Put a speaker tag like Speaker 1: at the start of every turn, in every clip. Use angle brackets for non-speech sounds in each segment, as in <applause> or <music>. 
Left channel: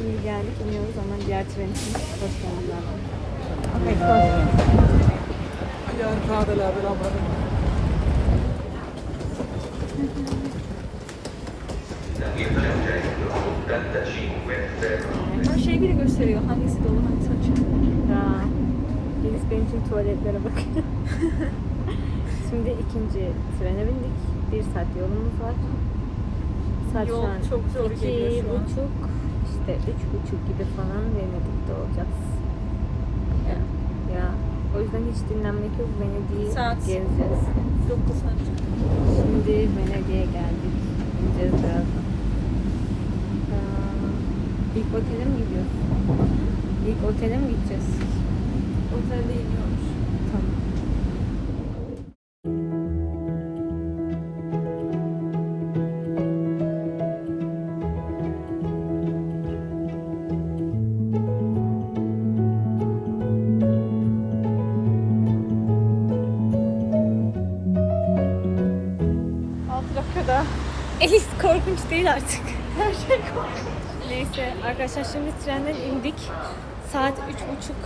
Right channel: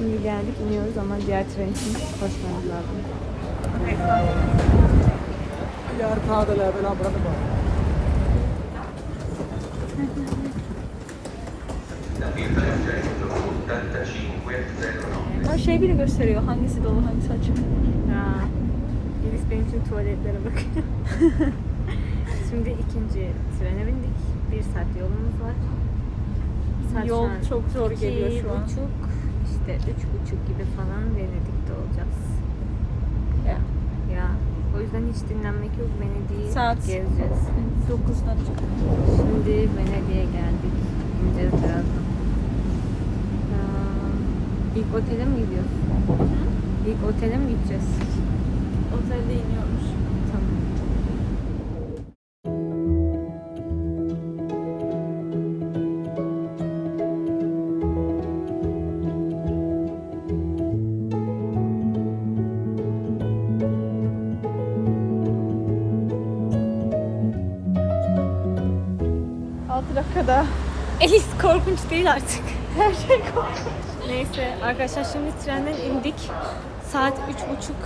Speaker 1: Şimdi geldik iniyoruz ama diğer tren için koşmamız lazım.
Speaker 2: Ama şey bile gösteriyor hangisi dolu hangisi açık.
Speaker 1: Ya. Melis benim tüm tuvaletlere bakıyor. <laughs> Şimdi ikinci trene bindik. Bir saat yolumuz var. Saat
Speaker 2: Yol çok zor geliyor şu an.
Speaker 1: buçuk işte üç buçuk gibi falan Venedik'te olacağız.
Speaker 2: Ya.
Speaker 1: Ya o yüzden hiç dinlenmek yok. Venedik'i
Speaker 2: Saat.
Speaker 1: gezeceğiz.
Speaker 2: 9 saat.
Speaker 1: Şimdi Venedik'e geldik. İneceğiz birazdan. Aa, İlk otele mi gidiyoruz? İlk otele mi gideceğiz?
Speaker 2: Otelde iniyormuş.
Speaker 1: Değil artık. Her şey. Neyse arkadaşlar şimdi trenden indik. Saat üç buçuk.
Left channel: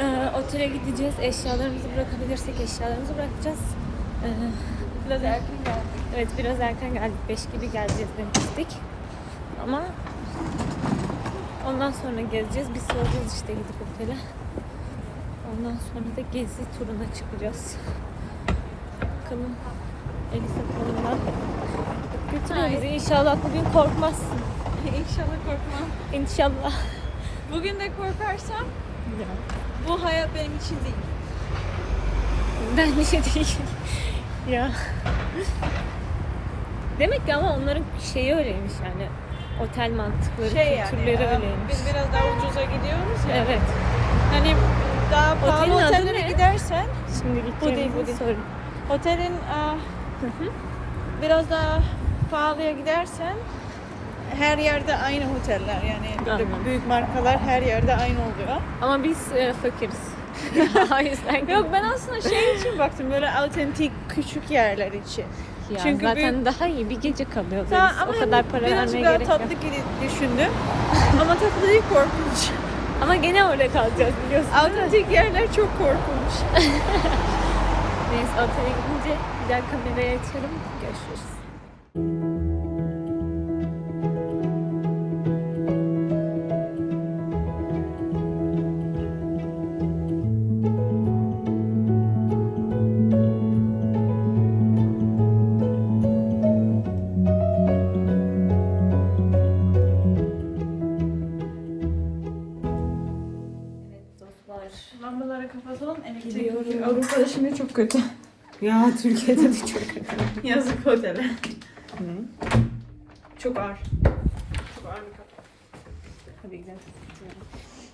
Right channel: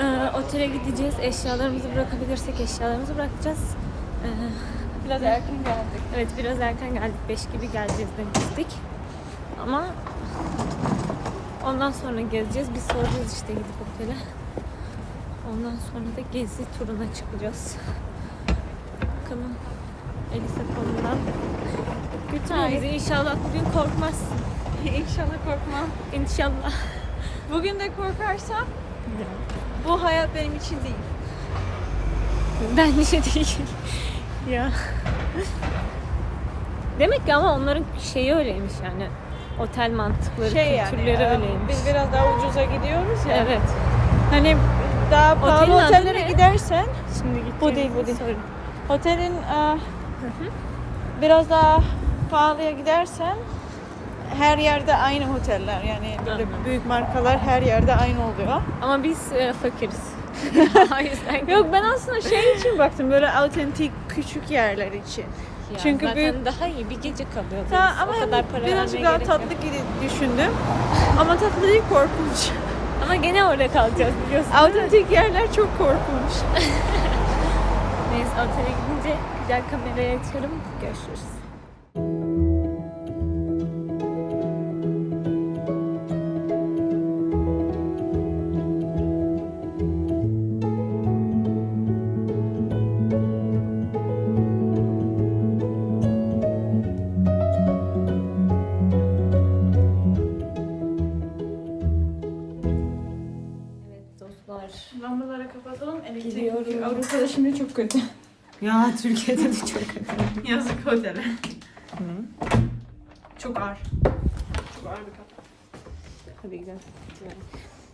Speaker 1: Ee, otele gideceğiz. Eşyalarımızı bırakabilirsek eşyalarımızı bırakacağız. Ee,
Speaker 2: Biraz erken geldik.
Speaker 1: evet biraz erken geldik. Beş gibi geleceğiz demiştik. Ama ondan sonra gezeceğiz. Biz soracağız işte gidip otele. Ondan sonra da gezi turuna çıkacağız. Bakalım Elisa konumdan götürüyor bizi. İnşallah bugün korkmazsın. <laughs>
Speaker 2: İnşallah korkmam.
Speaker 1: İnşallah.
Speaker 2: Bugün de korkarsam bu hayat benim için değil.
Speaker 1: Bence değil. ya. Demek ki ama onların şeyi öyleymiş yani. Otel mantıkları, kültürleri
Speaker 2: e,
Speaker 1: öyleymiş.
Speaker 2: Biz biraz daha ucuza gidiyoruz ya.
Speaker 1: Evet.
Speaker 2: Hani daha pahalı
Speaker 1: Otelin adı
Speaker 2: otellere
Speaker 1: ne?
Speaker 2: gidersen
Speaker 1: Şimdi
Speaker 2: Bu değil,
Speaker 1: gittiğimizi sorun.
Speaker 2: otelin e, biraz daha pahalıya gidersen her yerde aynı oteller yani böyle büyük markalar her yerde aynı oluyor.
Speaker 1: Ama biz e, fakiriz. <laughs> <laughs>
Speaker 2: Yok ben aslında şey için baktım böyle autentik küçük yerler için.
Speaker 1: Ya
Speaker 2: Çünkü
Speaker 1: zaten
Speaker 2: büyük-
Speaker 1: daha iyi bir gece kalıyor.
Speaker 2: Ta, ama hem birazcık daha tatlı gibi düşündüm. Ama tatlı değil korkunç.
Speaker 1: Ama gene orada kalacağız biliyorsun?
Speaker 2: Autentik yerler çok korkunç. <laughs>
Speaker 1: Neyse otele gidince güzel kamerayı açarım. Görüşürüz. Ya Türkiye'de de çok. <laughs>
Speaker 2: Yazık otele. Çok ağır. Çok ağır bir kapı.
Speaker 1: Hadi gidelim.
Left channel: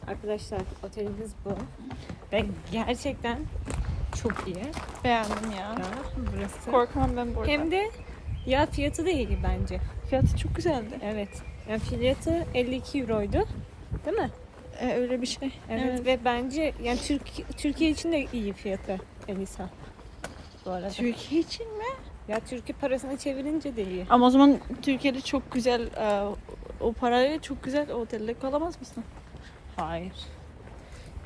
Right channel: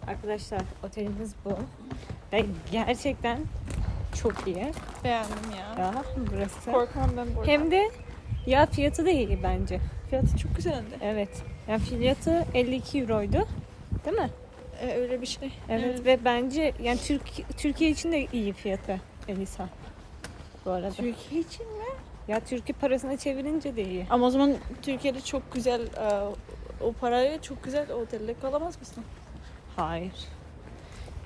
Speaker 1: Arkadaşlar otelimiz bu. Ve gerçekten çok iyi.
Speaker 2: Beğendim ya.
Speaker 1: Ya burası.
Speaker 2: Korkmam ben burada.
Speaker 1: Hem de ya fiyatı da iyi bence.
Speaker 2: Fiyatı çok güzeldi.
Speaker 1: Evet. Yani fiyatı 52 euroydu. Değil mi?
Speaker 2: Ee, öyle bir şey.
Speaker 1: Evet, ve bence yani Türk Türkiye için de iyi fiyatı Elisa. Bu arada.
Speaker 2: Türkiye için mi?
Speaker 1: Ya Türkiye parasına çevirince de iyi.
Speaker 2: Ama o zaman Türkiye'de çok güzel e, o parayla çok güzel otelde kalamaz mısın?
Speaker 1: Hayır.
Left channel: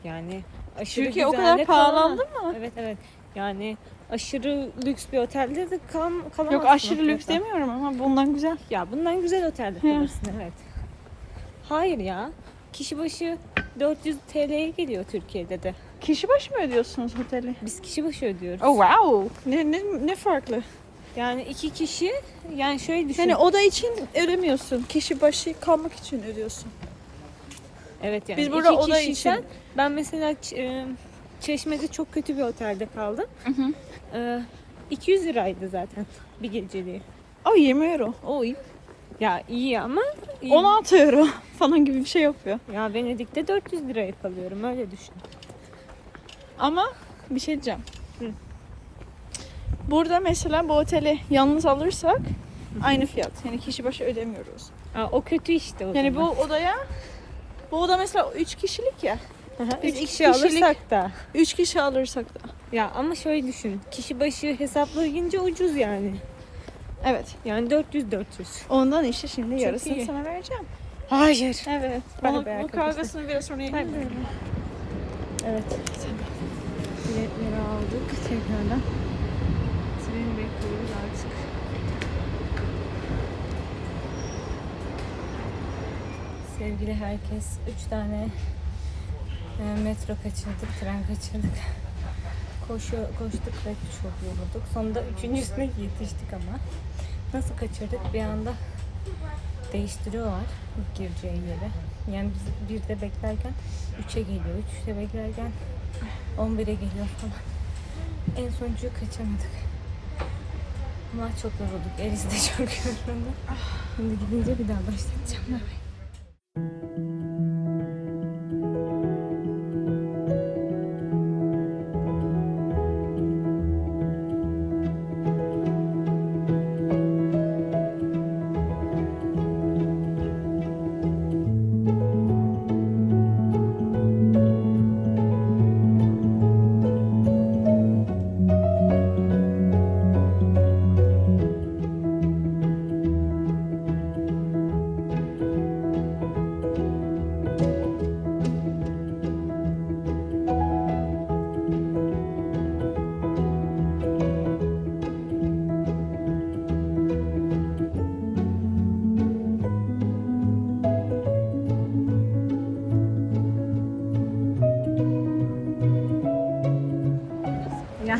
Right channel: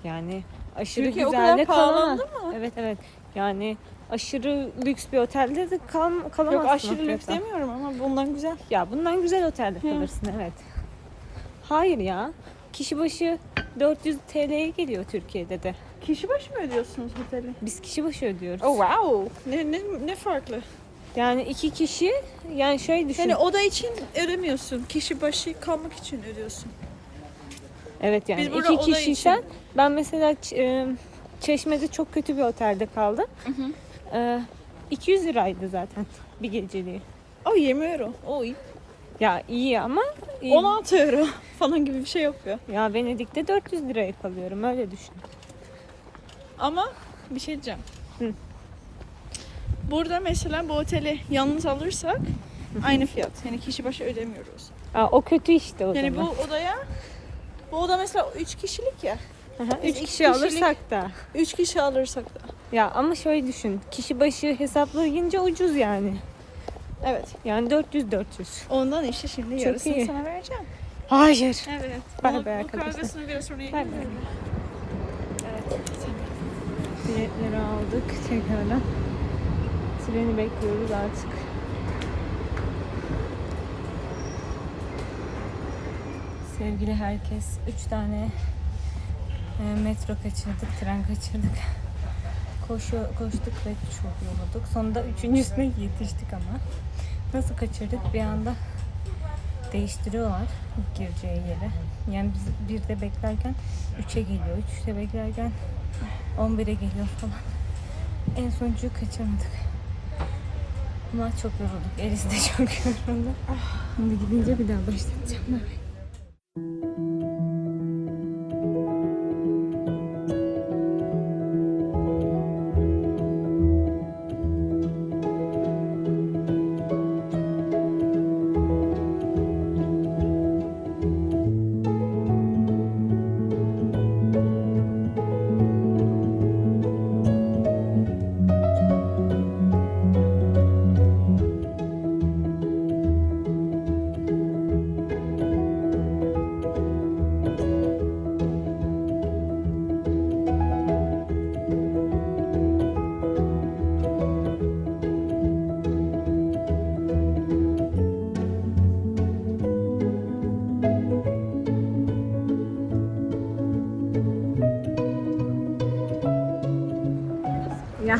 Speaker 1: Yani aşırı
Speaker 2: Türkiye o
Speaker 1: güzel
Speaker 2: kadar
Speaker 1: de
Speaker 2: pahalandı mı?
Speaker 1: Evet evet. Yani aşırı lüks bir otelde de kal kalamazsın.
Speaker 2: Yok
Speaker 1: o
Speaker 2: aşırı lüks demiyorum ama bundan güzel.
Speaker 1: Ya bundan güzel otelde
Speaker 2: Hı.
Speaker 1: kalırsın evet. Hayır ya. Kişi başı 400 TL'ye geliyor Türkiye'de de.
Speaker 2: Kişi başı mı ödüyorsunuz oteli?
Speaker 1: Biz kişi başı ödüyoruz.
Speaker 2: Oh wow. Ne, ne, ne farklı?
Speaker 1: Yani iki kişi yani şöyle düşün.
Speaker 2: Hani oda için ödemiyorsun. Kişi başı kalmak için ödüyorsun.
Speaker 1: evet yani
Speaker 2: biz burada
Speaker 1: iki
Speaker 2: oda
Speaker 1: kişiysen
Speaker 2: için-
Speaker 1: ben mesela e, Çeşme'de çok kötü bir otelde kaldım. E, 200 liraydı zaten bir geceliği.
Speaker 2: Oh 20 euro. İyi.
Speaker 1: Ya iyi ama iyi.
Speaker 2: 16 euro <laughs> falan gibi bir şey yapıyor.
Speaker 1: ya Venedik'te 400 liraya kalıyorum öyle düşün.
Speaker 2: Ama bir şey diyeceğim.
Speaker 1: Hı.
Speaker 2: Burada mesela bu oteli yalnız alırsak aynı fiyat. Yani kişi başı ödemiyoruz.
Speaker 1: Aa, o kötü işte o
Speaker 2: Yani bu
Speaker 1: zaman.
Speaker 2: odaya bu oda mesela 3 kişilik ya.
Speaker 1: Aha,
Speaker 2: biz
Speaker 1: Üç
Speaker 2: iki
Speaker 1: kişi
Speaker 2: kişilik-
Speaker 1: alırsak da.
Speaker 2: 3 kişi alırsak da.
Speaker 1: Ya ama şöyle düşün. Kişi başı hesaplayınca ucuz yani.
Speaker 2: Evet.
Speaker 1: Yani 400 400.
Speaker 2: Ondan işte şimdi
Speaker 1: Çok
Speaker 2: yarısını
Speaker 1: iyi.
Speaker 2: sana vereceğim.
Speaker 1: Hayır.
Speaker 2: Evet.
Speaker 1: Bay
Speaker 2: Bu-
Speaker 1: bay
Speaker 2: bu
Speaker 1: arkadaşlar.
Speaker 2: kavgasını biraz sonra
Speaker 1: bay. Evet. Biletleri aldık tekrardan. Treni bekliyoruz artık. Sevgili herkes, üç tane e, metro kaçırdık, tren kaçırdık. Koşu, koştuk ve çok yorulduk. Sonunda üçüncüsüne yetiştik ama. Nasıl kaçırdık? Bir anda değiştiriyorlar gireceği yere. Yani biz birde beklerken 3'e geliyor. 3'te beklerken 11'e geliyor falan. En sonuncuyu kaçırmadık. Ama çok yorulduk. Elis de çok <laughs> yoruldu. Şimdi gidince bir daha başlayacağım. Bay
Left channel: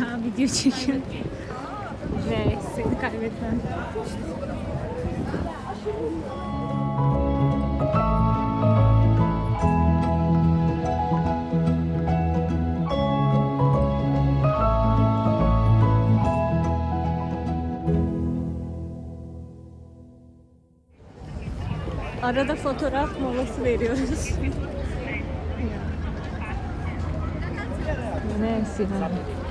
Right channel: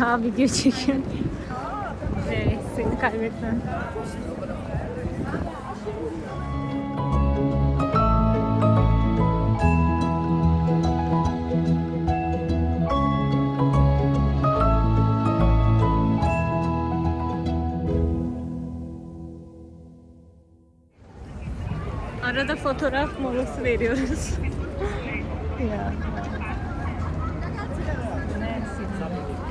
Speaker 1: Ya video çekiyorum. Ve seni kaybetmem. Arada fotoğraf molası veriyoruz. <laughs> ya. Neyse.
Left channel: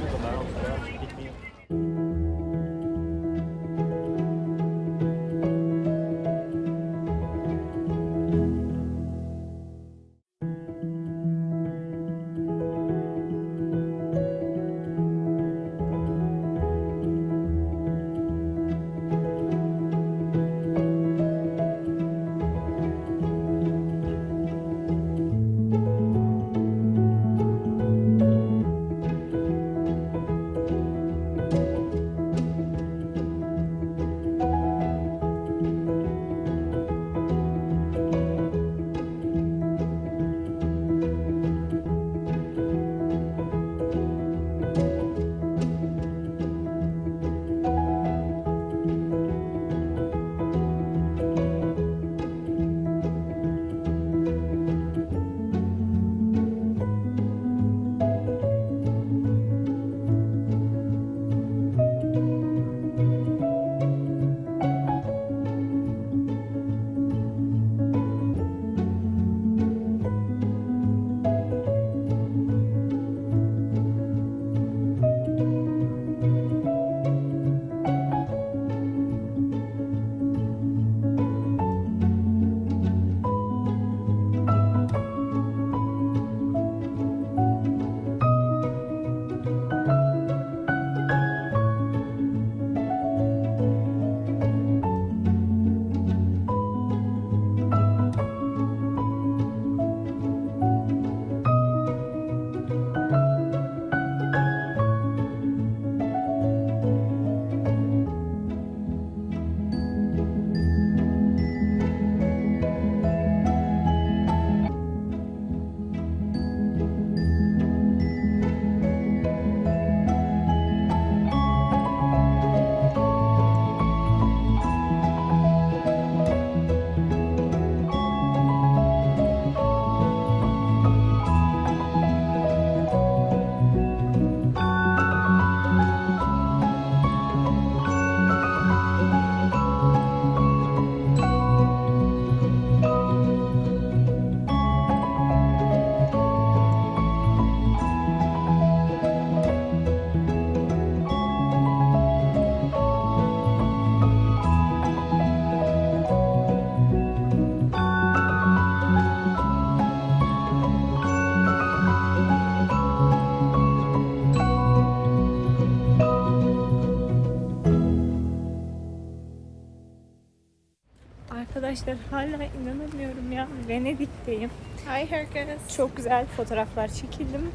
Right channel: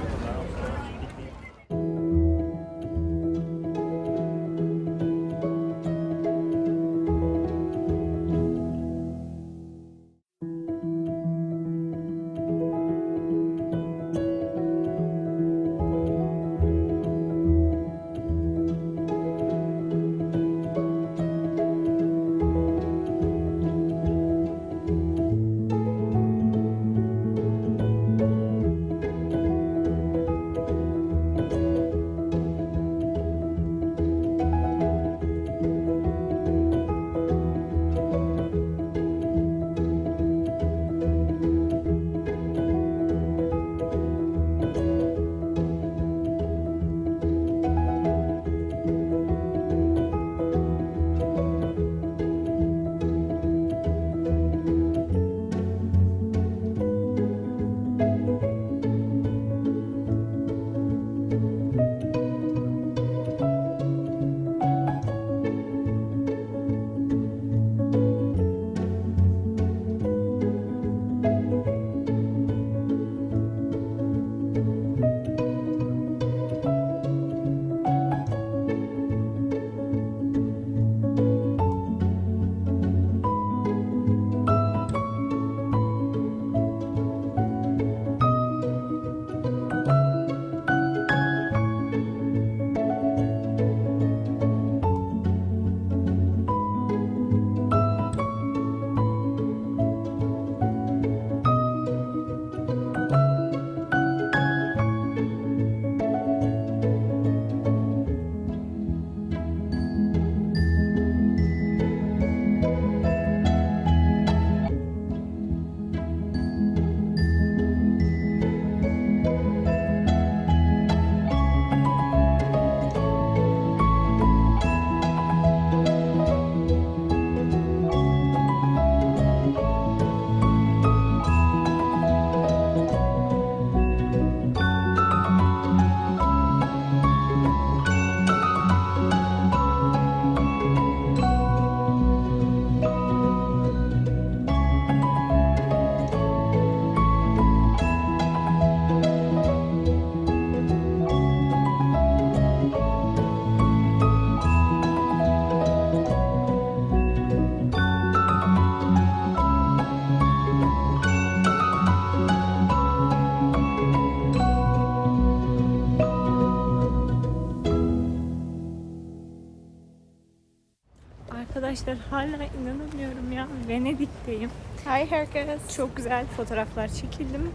Speaker 1: Arkadaşlar hala inanamıyorum ya. Venedik'teyim.
Speaker 2: Hi herkes.
Speaker 1: Çok güzel fotoğraflar çekildim.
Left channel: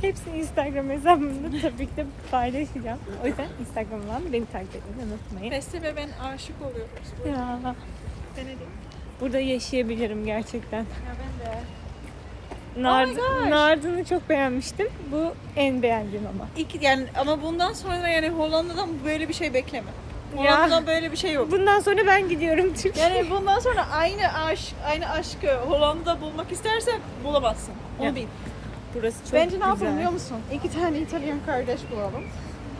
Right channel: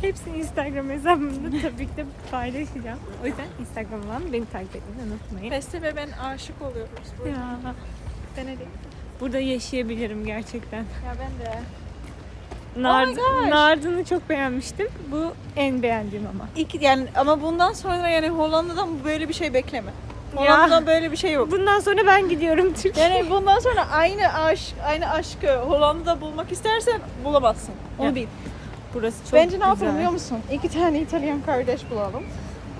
Speaker 1: Hepsini Instagram hesabımda tabii ki de paylaşacağım. O yüzden Instagram'dan beni takip etmeyi unutmayın.
Speaker 2: Festival ben aşık oluyorum.
Speaker 1: Ya
Speaker 2: Denedim.
Speaker 1: burada yaşayabilirim gerçekten.
Speaker 2: Ya ben de.
Speaker 1: Nard
Speaker 2: Oh.
Speaker 1: Nardın'ı çok beğenmiştim. Bu en beğendiğim ama.
Speaker 2: İlk yani ama bundan sonra yani Hollanda'dan böyle bir şey bekleme.
Speaker 1: Ya.
Speaker 2: Hollanda'dan böyle bir şey yok.
Speaker 1: Bundan sonra ben gidiyorum Türkiye'ye.
Speaker 2: Yani bundan sonra aynı aşk, aynı aşkı Hollanda'da bulmak istersen bulamazsın. Onu
Speaker 1: Ya,
Speaker 2: bil.
Speaker 1: Burası çok
Speaker 2: Bence ne yapalım biliyor musun? İki tane İtalyan kardeş bulalım.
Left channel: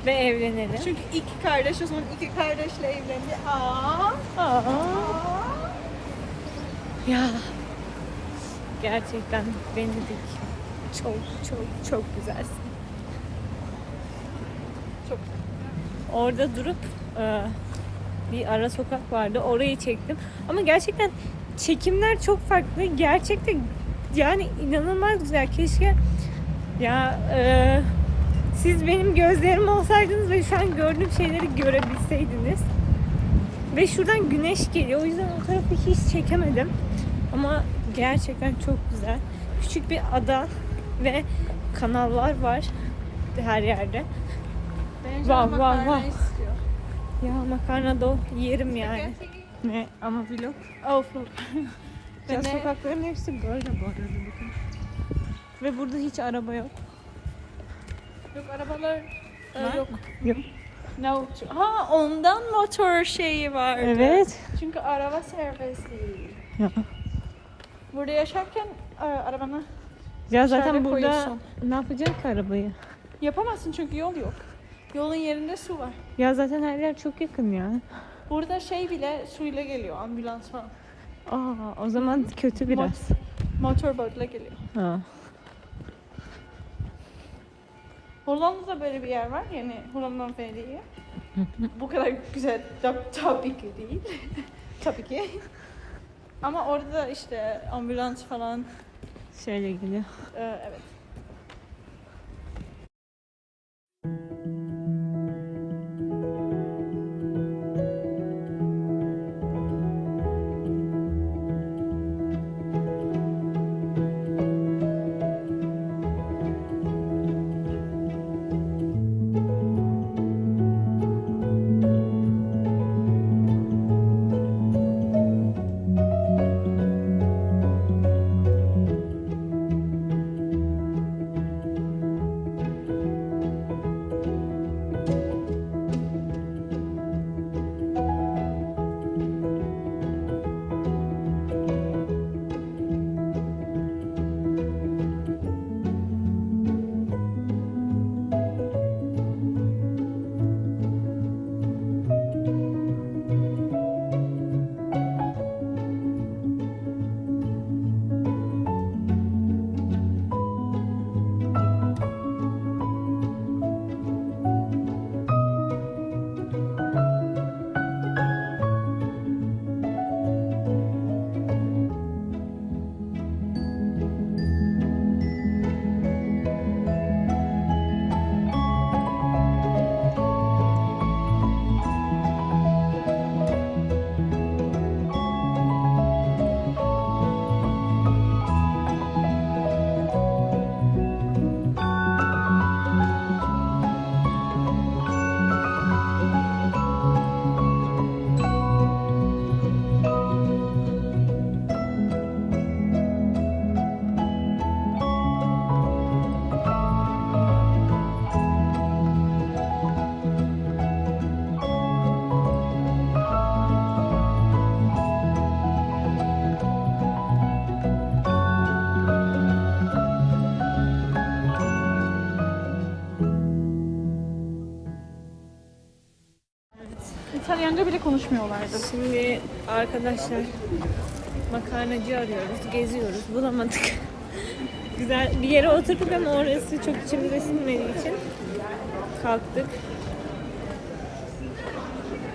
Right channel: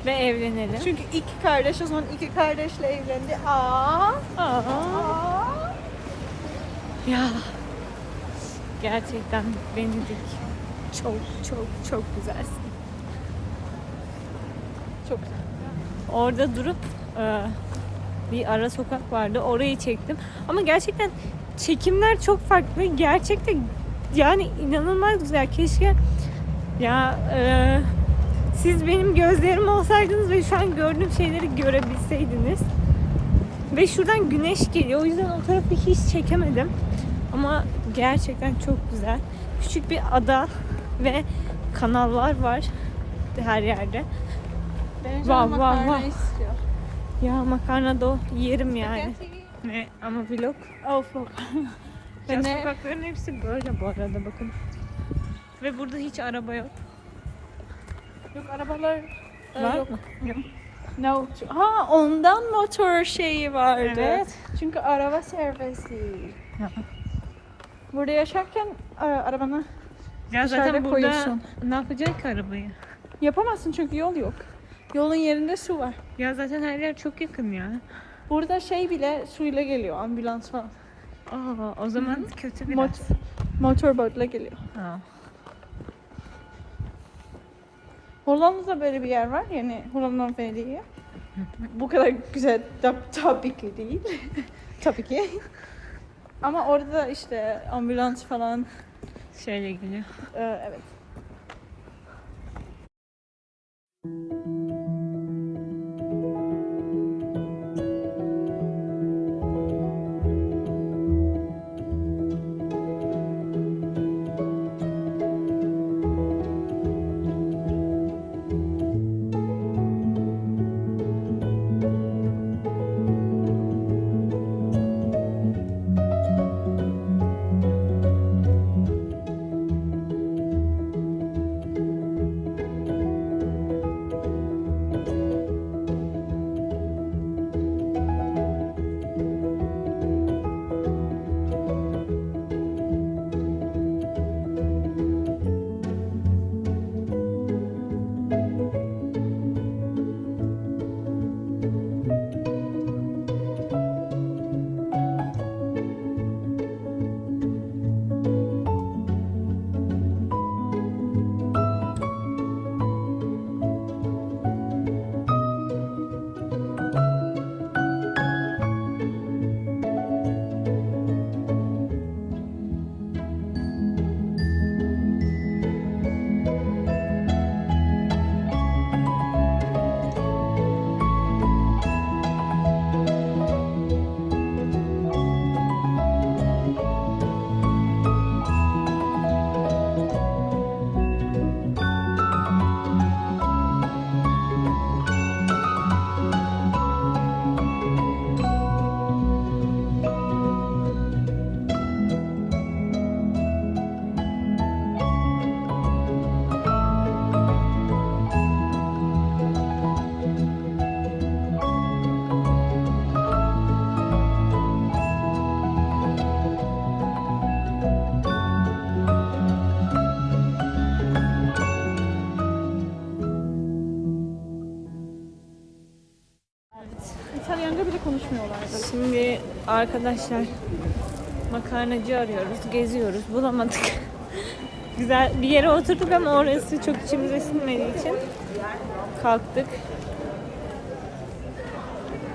Speaker 1: Ve evlenelim.
Speaker 2: Çünkü iki kardeş o zaman iki kardeşle evlendi. Aa.
Speaker 1: Aa,
Speaker 2: Aa.
Speaker 1: ya gerçekten Venedik çok çok çok güzelsin.
Speaker 2: Çok
Speaker 1: Orada durup bir ara sokak vardı. Orayı çektim. Ama gerçekten çekimler çok farklı. Gerçekten yani inanılmaz güzel. Keşke ya e, siz benim gözlerim olsaydınız ve şu an gördüğüm şeyleri görebilseydiniz. Ve şuradan güneş geliyor. O yüzden o tarafı hiç çekemedim. Ama gerçekten çok güzel. Küçük bir ada ve kanallar var her yerde. Vav, vav, vav. Ya makarna da o yerim yani. Ne ama vlog.
Speaker 2: Oh fuck.
Speaker 1: Ya sokakların hepsi böyle bu arada bakın. Ve burada hiç araba yok.
Speaker 2: Yok arabalar
Speaker 1: Var
Speaker 2: yok.
Speaker 1: mı?
Speaker 2: No. Ha ondan motor şeyi vardı.
Speaker 1: Evet.
Speaker 2: Çünkü araba değil. Burada yaşarken e, arabanı
Speaker 1: Ya zaten
Speaker 2: Dışarıda
Speaker 1: burada
Speaker 2: koyuyorsun.
Speaker 1: ne yapacak ki arabayı?
Speaker 2: yapamazsın çünkü yol yok. Yolun yerinde su var.
Speaker 1: Ya zaten her yer çok yakın ya.
Speaker 2: Burada şey bile suyla geliyor ambulans falan.
Speaker 1: Aa, o zaman kötü biraz.
Speaker 2: Mot motorbotla geliyor.
Speaker 1: Ha.
Speaker 2: Hollanda'da böyle bir yer var yani Hollanda'nın Venedik'i. Bu kadar güzel ta- tabii ki değil. <laughs> tabii ki. Ama orada da işte ambulans falan
Speaker 1: Şöyle geliyor.
Speaker 2: e, evet. thank you İtalyanca bile konuşmuyorlardı.
Speaker 1: Şimdi arkadaşlar makarnacı arıyoruz, geziyoruz, bulamadık. <laughs> Güzel bir yere oturduk ama orası çok içimize sinmediği için kalktık.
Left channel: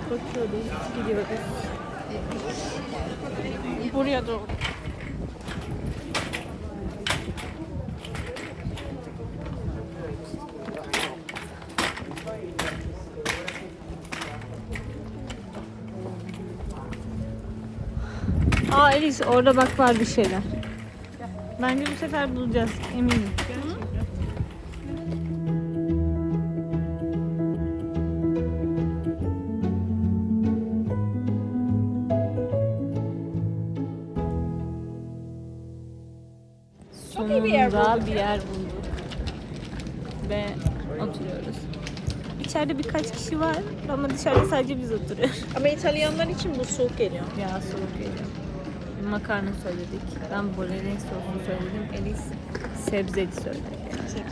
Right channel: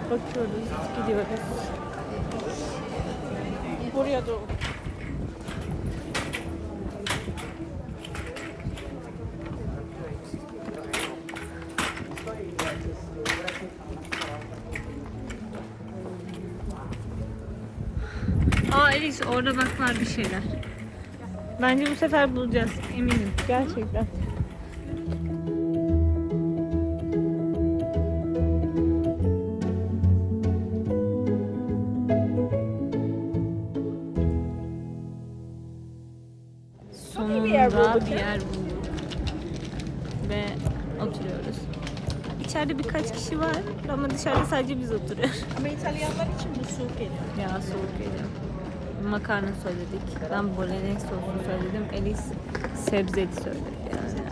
Speaker 1: Bakıyoruz, gidiyoruz.
Speaker 2: Buraya doğru.
Speaker 1: Alice orada bak var bir şeyler. Bence bu sefer bulacağız. Eminim. Gerçekten. Sonunda bir yer bulduk. Ve oturuyoruz. İçeride birkaç kişi var ama dışarıda sadece biz oturuyoruz.
Speaker 2: Ama İtalyanlar için bu soğuk geliyor.
Speaker 1: Ya soğuk geliyor. Makarna söyledik. Ben bolognese soslu söyledim. Elis sebzeli söyledi yani.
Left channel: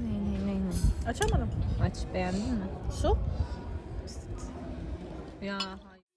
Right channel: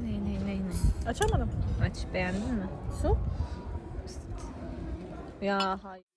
Speaker 1: Ne ne ne ne.
Speaker 2: Açamadım.
Speaker 1: Aç beğendin mi?
Speaker 2: Su?
Speaker 1: Ya hayır.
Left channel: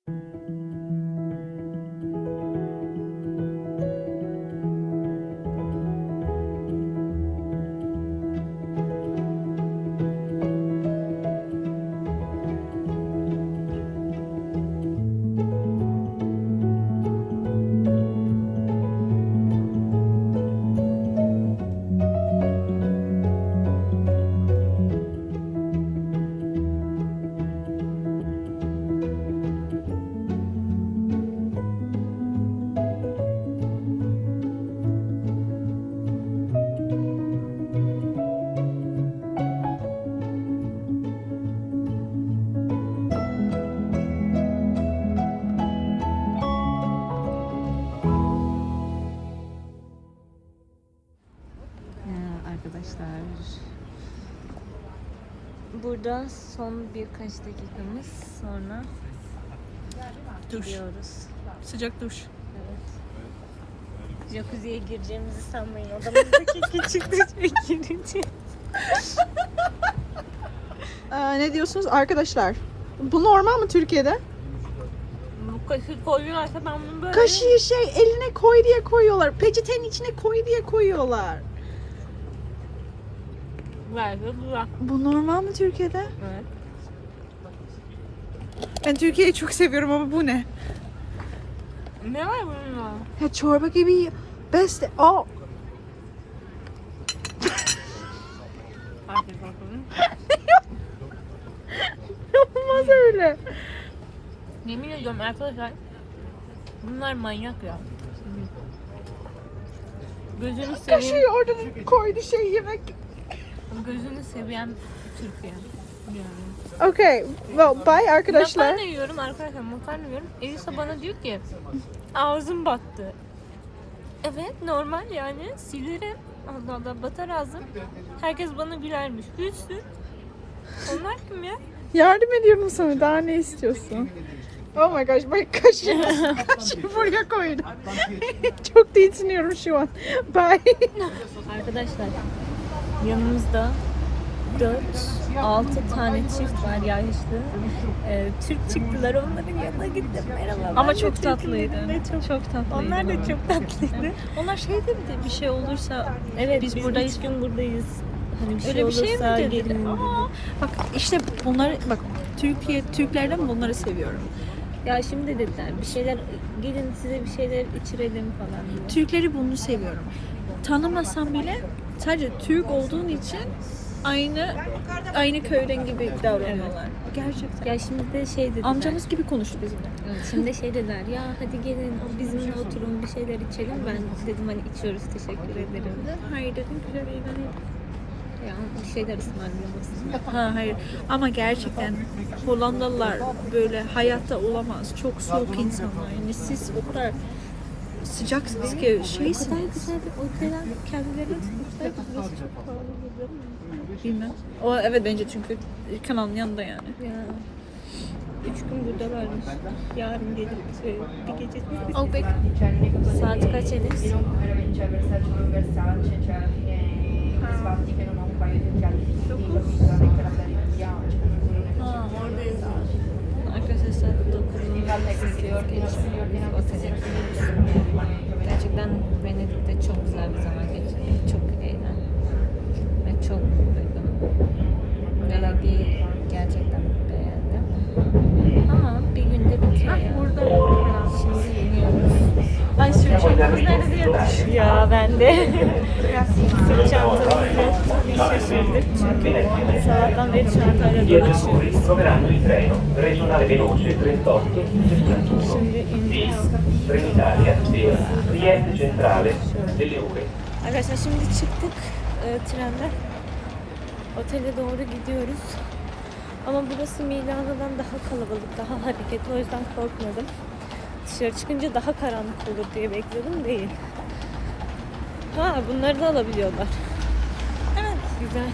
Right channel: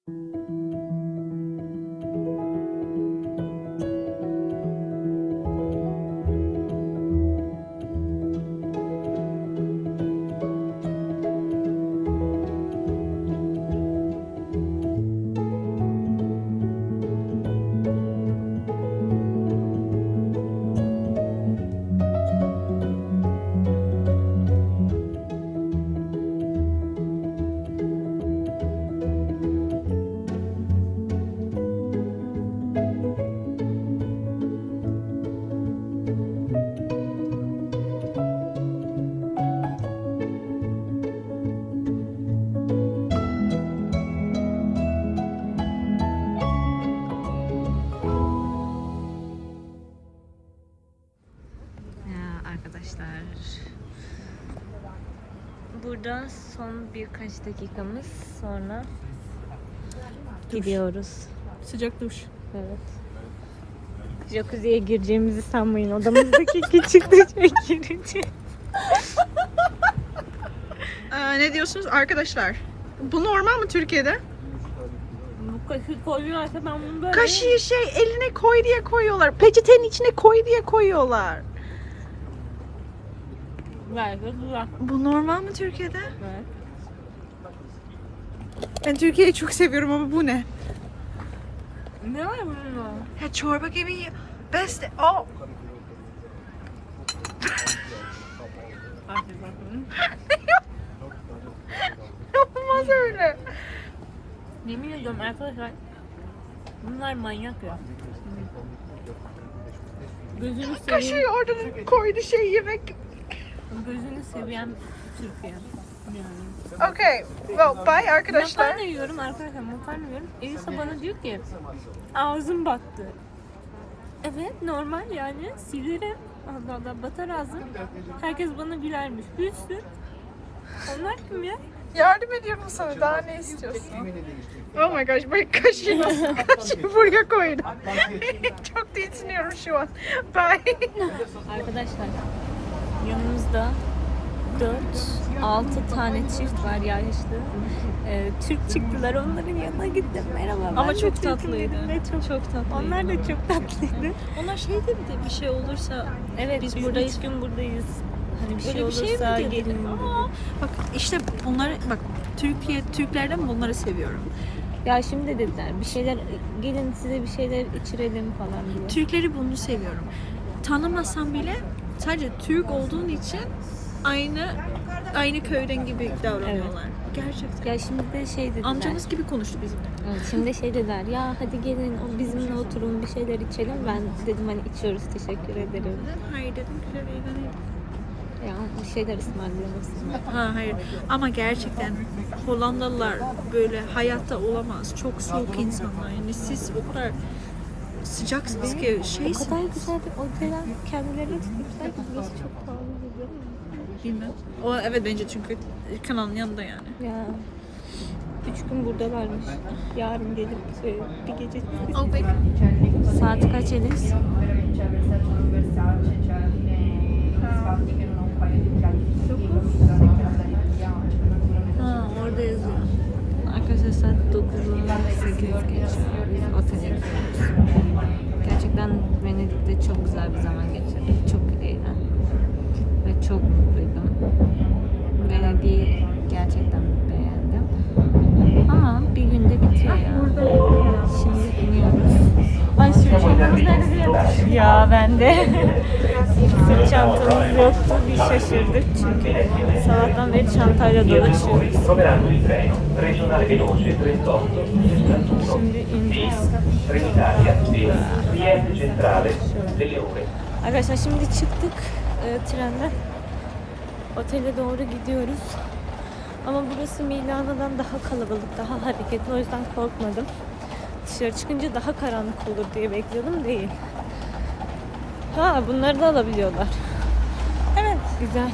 Speaker 1: Birkaç dakikamız sonra gidiyoruz.
Speaker 2: Sıcak duş.
Speaker 1: Evet. Jacuzziye gireceğimizi sanmayın. Odamızdaki küçük duşa gireceğiz.
Speaker 2: Ee, ne diyorsunuz arkadaşlar? Bu normal mı Türkiye'de?
Speaker 1: Bu kaşığı koyuyorlarsa ben bunu böyle...
Speaker 2: Kaşığı şey eline koy diye koyuyorlar. Peçetenin içine koy diye koyuyorlar.
Speaker 1: Güzel.
Speaker 2: Bu normal mi Türkiye'de?
Speaker 1: Evet.
Speaker 2: Ben Türkiye'yi çok seviyorum ama bu ne?
Speaker 1: Ne var bunun?
Speaker 2: Ya çorba gibi best. Oh.
Speaker 1: Hadi bakalım. <laughs>
Speaker 2: Yapılmaz öyle.
Speaker 1: Yemin ediyorum arkadaşlar. Bunlar manyak ya. Gözünü seveyim.
Speaker 2: Kaşığı oradan koydu şey yemek.
Speaker 1: Gözünü seviyen Türkiye. Yani.
Speaker 2: Okay. Well, bye arkadaşlar.
Speaker 1: Makarna yiyorum arkadaşlar makarna yiyorum. Elisa bana diyor ki ağzım battı. Evet normal yani silerim. Allah Allah batar ağzım. Herkes bana gülermiş. Gülsün. Onlar kim ya?
Speaker 2: Yardım ediyorum sana. Daha ne istiyorsun? Oh my gosh, bak kaşığı nasıl kaşığı buraya koydu. <laughs> Çok tiksiniyorum şu an. Bye.
Speaker 1: Arkadaşlar yanımızda 4 6 tane çift var yaşlı. Ee, Türk çıktılar onların yanına gittim. Merhaba ben
Speaker 3: Ama
Speaker 1: de
Speaker 3: çok
Speaker 1: Türk'üm
Speaker 3: tatlıydı.
Speaker 1: dedim ve çok,
Speaker 3: Çok tatlı.
Speaker 1: onlar da çok tatlıydı.
Speaker 3: Onlar şey dedi bir şey olursa
Speaker 1: Evet
Speaker 3: Biz
Speaker 1: biz,
Speaker 3: buradayız.
Speaker 1: üç gün buradayız. Hani bir şey
Speaker 3: Öyle bir şey mi
Speaker 1: olursa
Speaker 3: dedi?
Speaker 1: gelin dedi.
Speaker 2: Bak işte bunları bak Türkiye Türklerden bunları seviyorum.
Speaker 1: Ya şimdi dediler bir şeyler gelin size bir şeyler içirelim falan diye.
Speaker 2: Türkleri bunu seviyorum. Tanımasam bile sadece Türk olduğun için aynı aynı köyden gibi davranıyorlar. Gerçekten.
Speaker 1: Ya şimdi de şey dediler.
Speaker 2: Amcamız gibi konuştu bizimle.
Speaker 1: Evet, şimdi şey dediler ya hadi gelin o bizimle oturun bir şeyler içelim. Ben dedim hani içiyoruz teşekkür ederim.
Speaker 2: Hayır dedim güzel eğlenelim.
Speaker 1: Ya bir şeyler ısmarlamasınlar.
Speaker 2: Ha hayır ama gerçekten Hollandalılar böyle hayatta olamaz. Çok soğuk insanlar. Yani siz o kadar sıcaksınız ki
Speaker 1: O
Speaker 2: şeysiniz.
Speaker 1: kadar güzel bir oteller kendilerine tutmuşlar ki burası çok pahalı geliyor?
Speaker 2: Bilmem. O evet bence çünkü kanalın yanında yani.
Speaker 1: Ya üç gün buradalarmış. Yarın dedim şey bir gece.
Speaker 2: Oh peki.
Speaker 1: Saat kaç Elis? Ha orada yazıyor. Arkadaşlar saat 9'u 8 geçiyor. Biz otele gidiyoruz. Gerçekten Venedik'te çok güzel bir zaman geçirdik. Çok eğlendim. Çok mutluydum. Venedik'i gerçekten beğendim. Ama bir günde bitiyor ya. Şimdi iniyoruz.
Speaker 2: Ay sürücülerimiz nerede diye
Speaker 1: Ya ben de sırt çantamız yoktu. Bir şaşırdık çünkü sabahtan beri çantayla dolaşıyoruz.
Speaker 4: troveranno il treno regionale veloce 38
Speaker 1: Şimdi ineceğiz. Arkadaşlar şimdi çıktık e, trenden. Otele doğru gidiyoruz. Ama burası Milano'dan daha kalabalık, daha hareketli. O yüzden korkmadım. Dışarı çıkınca daha karanlık olur diye bekliyordum. Değil. Ha bunları da alabiliyorlar. Evet. Güzel.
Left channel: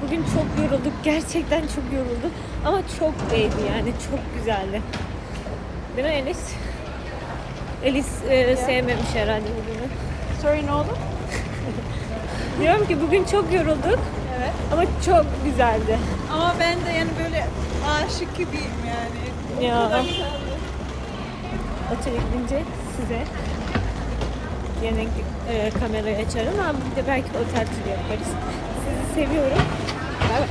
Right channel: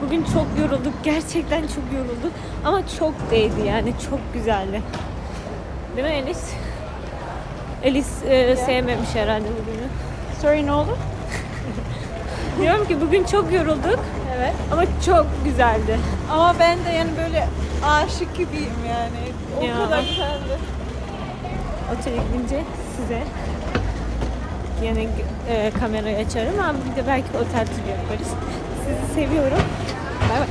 Speaker 1: Bugün çok yorulduk. Gerçekten çok yorulduk. Ama çok değdi yani. Çok güzeldi. Değil mi Elis? Elis e, sevmemiş herhalde bugünü.
Speaker 2: Sorry ne oldu? <laughs>
Speaker 1: Diyorum ki bugün çok yorulduk.
Speaker 2: Evet.
Speaker 1: Ama çok güzeldi.
Speaker 2: Ama ben de yani böyle aşık gibiyim yani. O
Speaker 1: Ya.
Speaker 2: kadar güzeldi.
Speaker 1: Otele gidince size yine e, kamerayı açarım ama bir de belki otel turu yaparız. Sizi seviyorum. Bay bay.